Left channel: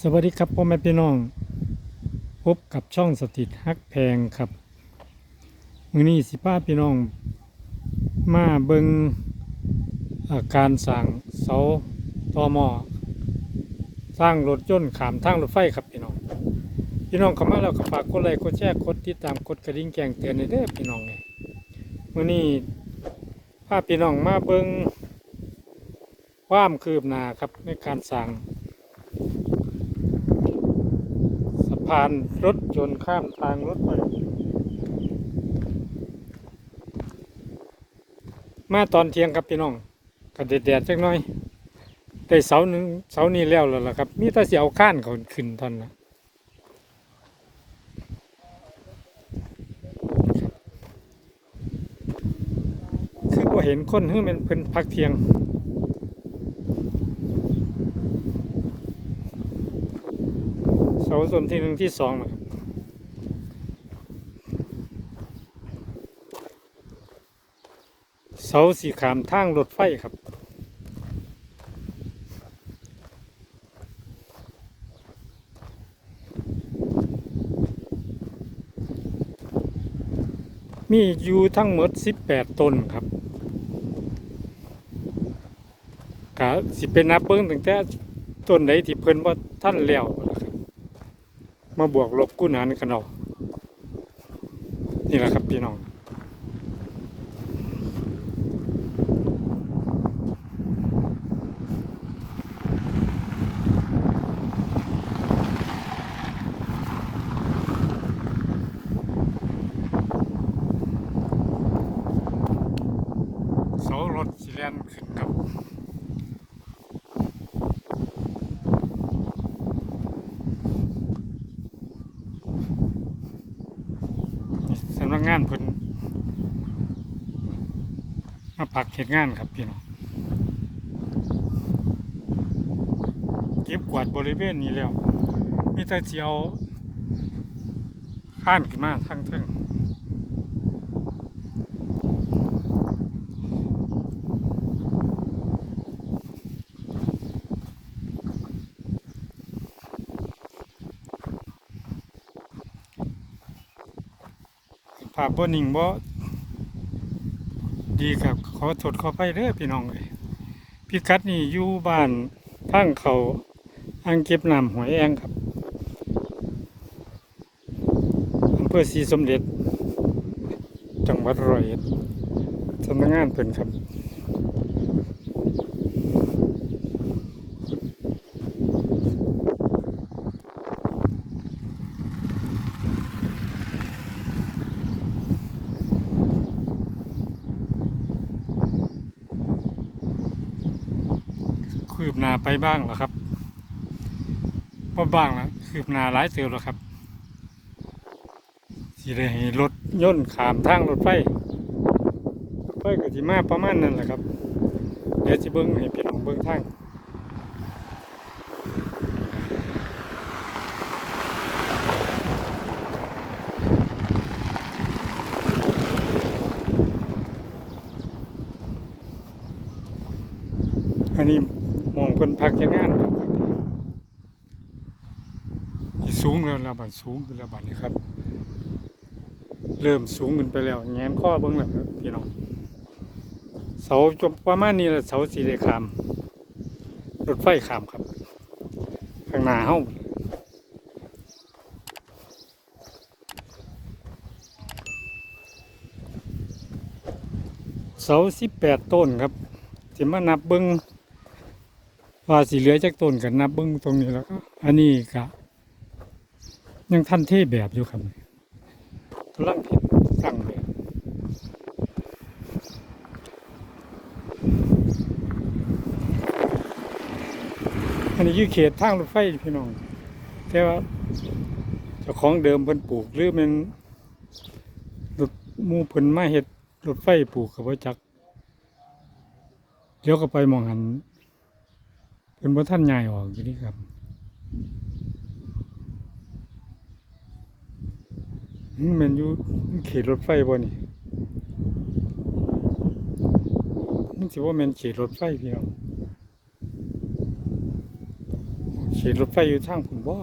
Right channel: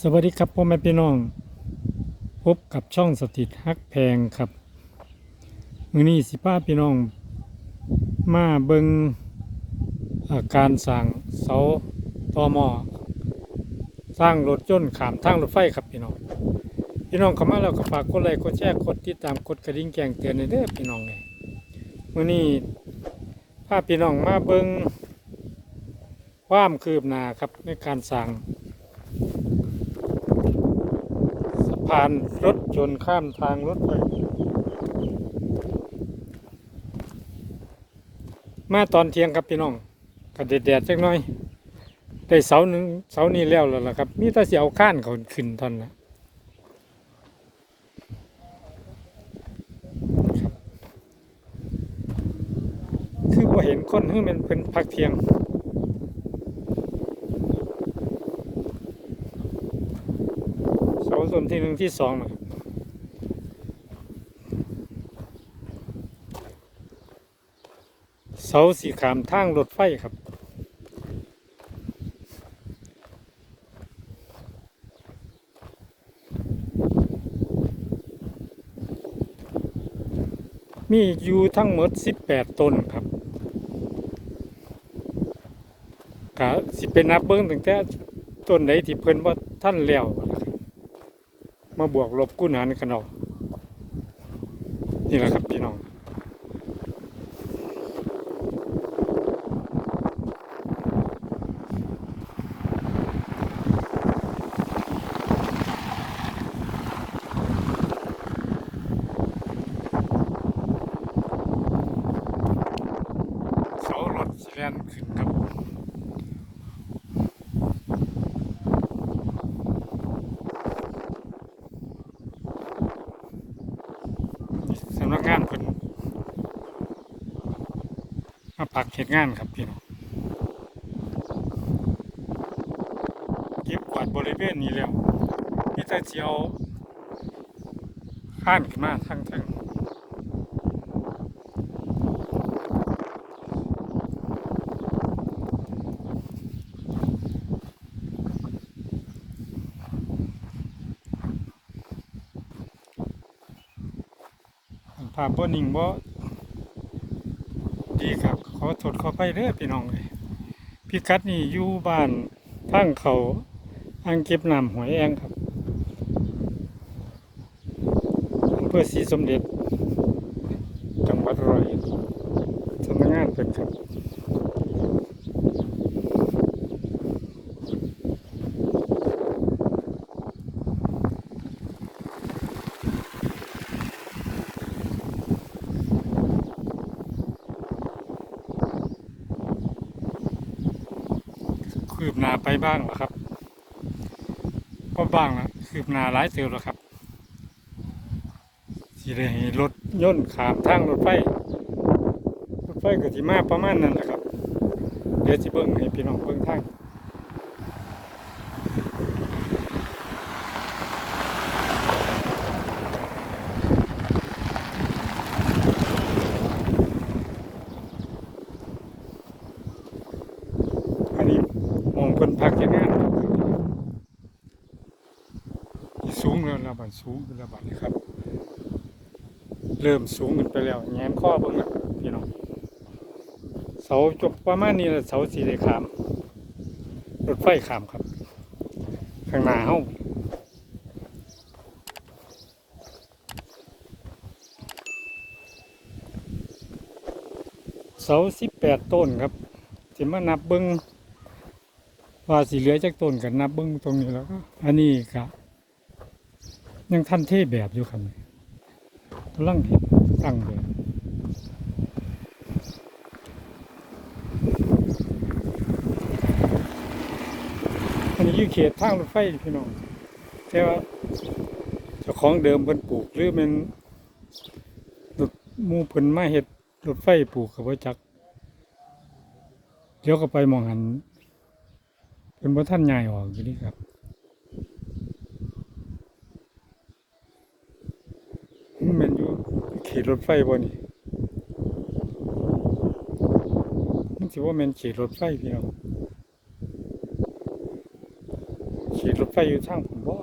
สวัสดีครับพ่อแม่พี่น้อง พบกับช่องสถิตฮักแพงครับ มือนี้สิป้าพี่น้อง มาเบิงาการสั่งเสาตอมอสร้างรถยนต์ขามทางรถไฟครับพี่น้อง พี่น้องเข้ามาแล้วก็ฝากกดไลค์กดแชร์กดติดตามกดกระดิ่งแจ้งเตือนในเด้อพี่น้องเลยมือนี้พาพี่น้องมาเบิงความคืบหน้าครับในการสั่ง สะพานรถยนต์ข้ามทางรถไฟมาตอนเที่ยงครับพี่น้องกระเด็ดแดดจักน่อยแต่เสาหนึ่งเสานี้แล้วแล้วล่ะครับ มีแต่เสียวข้านเขาขึ้นตอนละคือว่าเห็นคนเฮ้ยมันเป็นพักเที่ยง เสาส่วนที่หนึ่งที่สองนะครับเสาสีขามทางรถไฟครับมีอยู่ทั้งหมด 18 ต้นครับกะสิเป็นนับเบิ้งตั้งแต่ต้นไหนที่เพิ่นว่าท่านแล้วครับ มาบวกลบกู้หานกันเอานี่แหละครับพี่น้อง เสารถสิแลนขึ้นครับ สำนัก งานเพิ่นมาปักเห็ดงานครับพี่น้องเก็บกวาดบริเวณนี้แล้วนี่แต่เจียวข้านขึ้นมาทั้งทั้งภาพบ่นิ่งบ่ดีครับขอสดขอไปเด้อพี่น้องเลยพี่กัดนี่อยู่บ้านทางเขาอ่างเก็บน้ำหวยแองครับอำเพื่อศรีสมเด็จ จังหวัดร้อยเอ็ดสำนักงานเป็นครับ คืบหน้าไปบ้างแล้วครับก็บ้างนะคืบหน้าหลายเติบแล้วครับสิได้ให้รถย่นขามทางรถไฟรถไฟก็สิมาประมาณนั้นแหละครับ เดี๋ยวจะเบิ้งให้พี่น้องเบิ้งทางอันนี้ มองเพิ่นพักเฮ็ดงานครับสิสูงแล้วระบาดสูงขึ้นแล้วบัดนี้ครับ เริ่มสูงขึ้นไปแล้วแงนข้อเบิ่งแล้วพี่น้องเสาจบประมาณนี้แหละเสาสีเหลขามรถไฟขามครับ ข้างหน้าเฮาเสาสิบแปดต้นครับสิมานับเบิ้ง ว่าสีเหลือจากต้นกันนับเบิ้งตรงนี้แล้วก็อันนี้ก็ยังทันเทแบบอยู่ครับกำลังผิดตั้งแบบอันนี้อยู่เขตทางรถไฟพี่น้องแต่ว่าเจ้าของเดิมเพิ่นปลูกหรือมันรถหมูเพิ่นมาเฮ็ดรถไฟปลูกกับว่าจักเดี๋ยวก็ไปมองหัน เป็นบ่ท่านใหญ่ออกอยู่นี่ครับมันอยู่เขตรถไฟบ่นี่มันสิว่ามันเขตรถไฟพี่น้องเขขีดรถไฟอยู่ทางผมบ่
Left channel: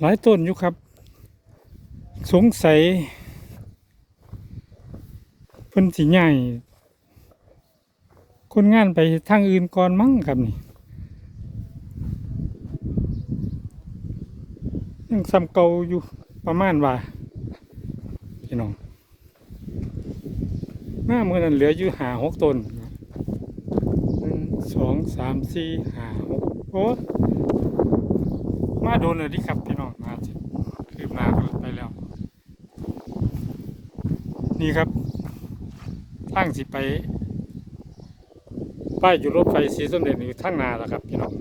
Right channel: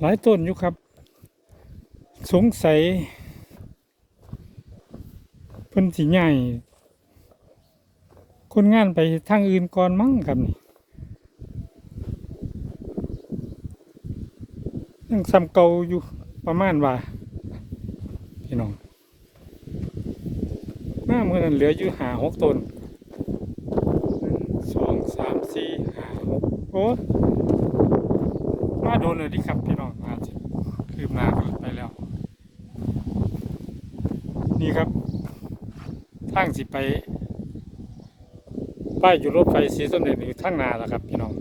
หลายต้นอยู่ครับ สงสัยเพิ่นสิใหญ่คนงานไปทางอื่นก่อนมั้งครับนี่ยังซ้ำเก่าอยู่ประมาณว่าพี่น้องหน้ามือนั้นเหลืออยู่หาหกต้นสองสามสี่ห้าหกโอ้ มาโดนเลยดิครับพี่น้องมาสิคืบหน้ากันไปแล้ว นี่ครับทางสิไป ป้ายหยุดรถไฟสีสมเด็จอยู่ข้างนาแล้วครับพี่น้อง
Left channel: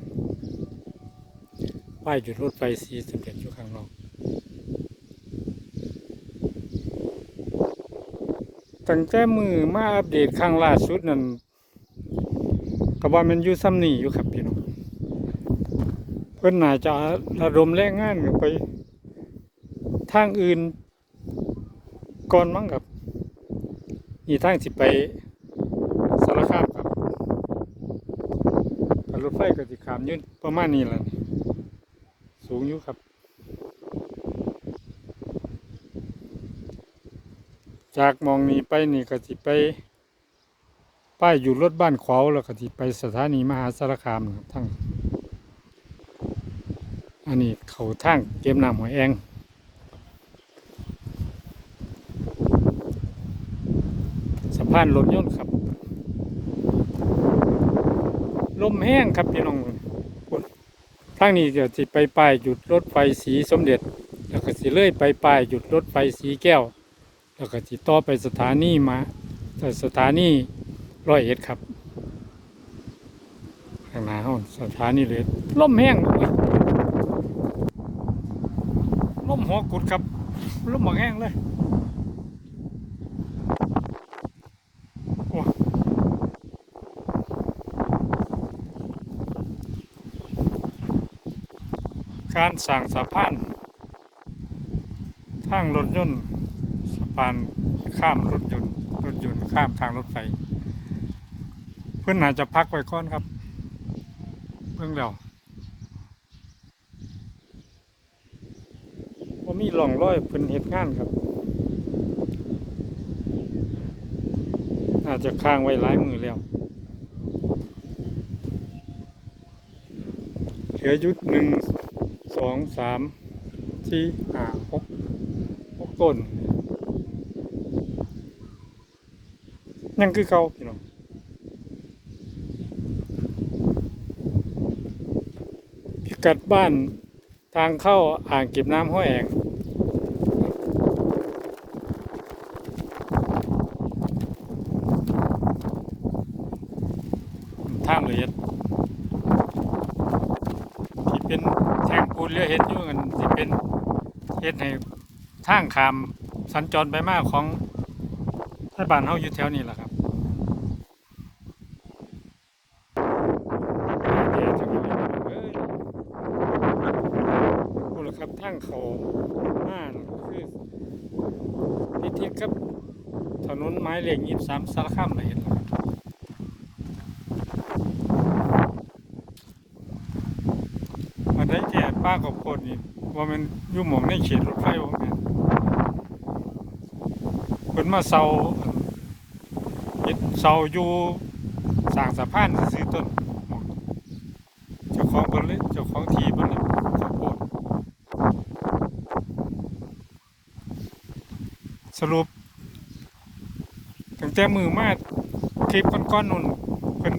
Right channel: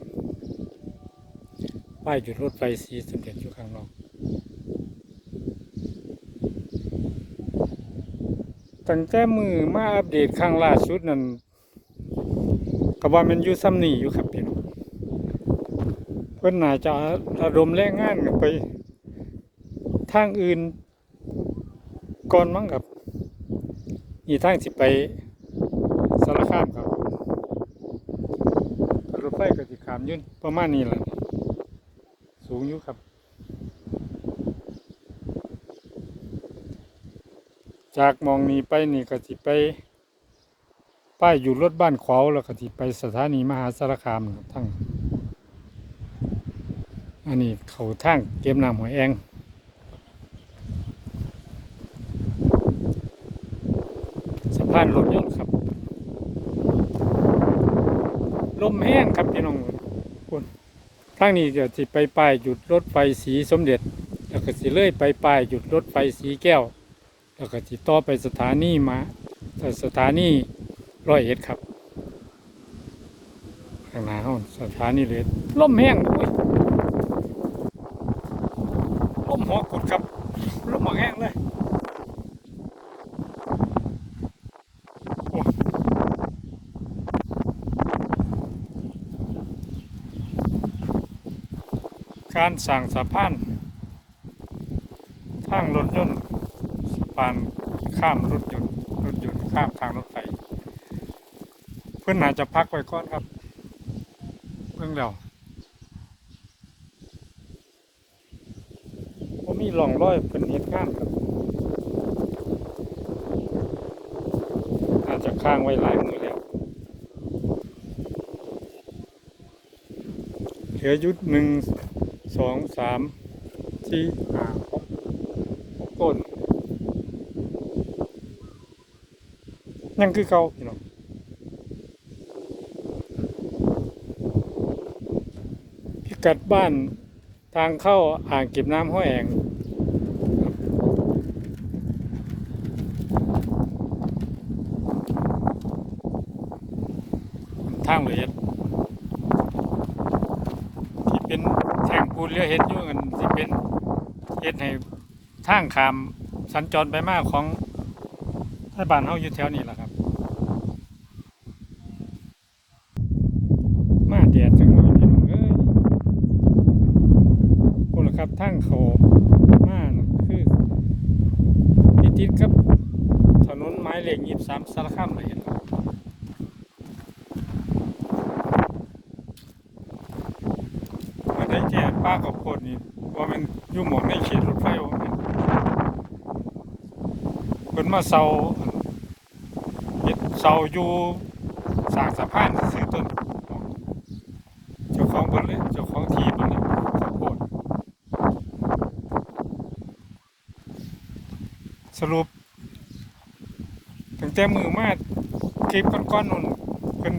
ป้ายหยุดรถไฟสีสมเด็จอยู่ข้างนอกตั้งแต่มือมาอัปเดตครั้งล่าสุดนั่นก็ว่ามันอยู่ซ้ำนี่อยู่ครับพี่น้อง พิ่นน่าจะระดมแรงงานกันไป ทางอื่น ก่อนมั้งครับนี่ทางสิไปสารคามครับรถไฟก็สิขามยืนประมาณนี้แหละสูงอยู่ครับ จากมองนี้ไปนี่ก็สิไป ป้ายอยู่รถบ้านขวาวแล้วก็สิไปสถานีมหาสารคามทั้ง อันนี้เขาทางเก็บน้ำหัวแองสะพานรถยนต์ครับ ลมแห้งครับพี่น้องคุณทางนี้ก็จะไปป้ายหยุดรถไฟสีสมเด็จ แล้วก็สิเลื่อยไปป้ายหยุดรถไฟสีแก้ว แล้วก็สิต่อไปสถานีมาสถานีร้อยเอ็ดครับข้างหน้าห้องสถานีเลยลมแห้งโอ้ย ลมหัวกุดครับลมหัวแห้งเลยโอ้การสั่งสะพานทางรถยนต์สะพานข้ามรถยนต์รถยนต์ข้ามทางรถไฟเพื่อนน่าจะพักไว้ก่อนครับเพิ่งแล้วว่า มีหล่องร้อยเป็นเหตุงานครับ อาจจะค้างไว้หลายมือแล้วเหลือยุดหนึ่งสองสามสี่ห้าหกหกต้น ยังคือเก่าพี่น้องพิกัดบ้านทางเข้าอ่างเก็บน้ำห้วยแอง ทางละเอียดที่เป็นแท่งปูนเรือเห็นอยู่กันที่เป็นเฮ็ดให้ทางขามสัญจรไปมากของรัฐบาลเฮาอยู่แถวนี้แหละครับอ่าเดี๋ยวจังหน่อยเอ้ยพูดละครับทางเขามาคือติดๆกับถนนไม้เหล็กยี่สามสารคามเลยครับ มันได้แก่ ป้ากับโพดนี่ว่ามันอยู่หมองในเขตรถไฟว่ามันเป็นมาเซาเฮ็ดเซาอยู่สางสะพานซื้อต้นเจ้าของเพิ่นเลยเจ้าของที่เพิ่นเลยข้าวโพดสรุปตั้งแต่มือมาคลิปก้อนๆนู่นเป็น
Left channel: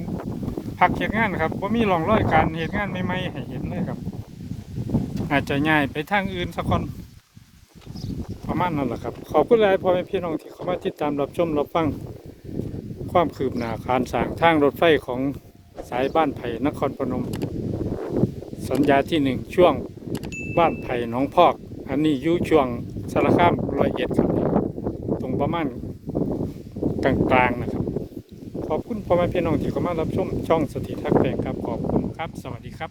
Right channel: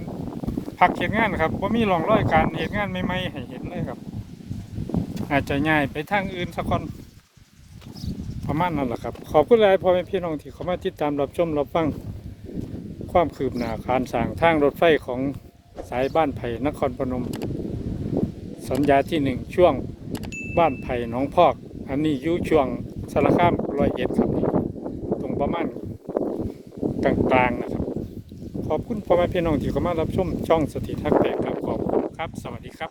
พักเหตุงานครับว่ามีรองร้อยการเหตุงานใหม่ให้เห็นเลยครับ อาจจะง่ายไปทางอื่นสักคนประมาณนั้นแหละครับ ขอบคุณหลายพ่อแม่พี่น้องที่เข้ามาติดตามรับชมรับฟังความคืบหน้าการสร้างทางรถไฟของสายบ้านไผ่นครพนม สัญญาที่หนึ่งช่วงบ้านไผ่หนองพอก อันนี้ยู่ช่วงสารคามรอยเอ็ดครับตรงประมาณกลางๆนะครับ ขอบคุณพ่อแม่พี่น้องที่เข้ามารับชมช่องสถิตฮักแพงครับขอบคุณครับ สวัสดีครับ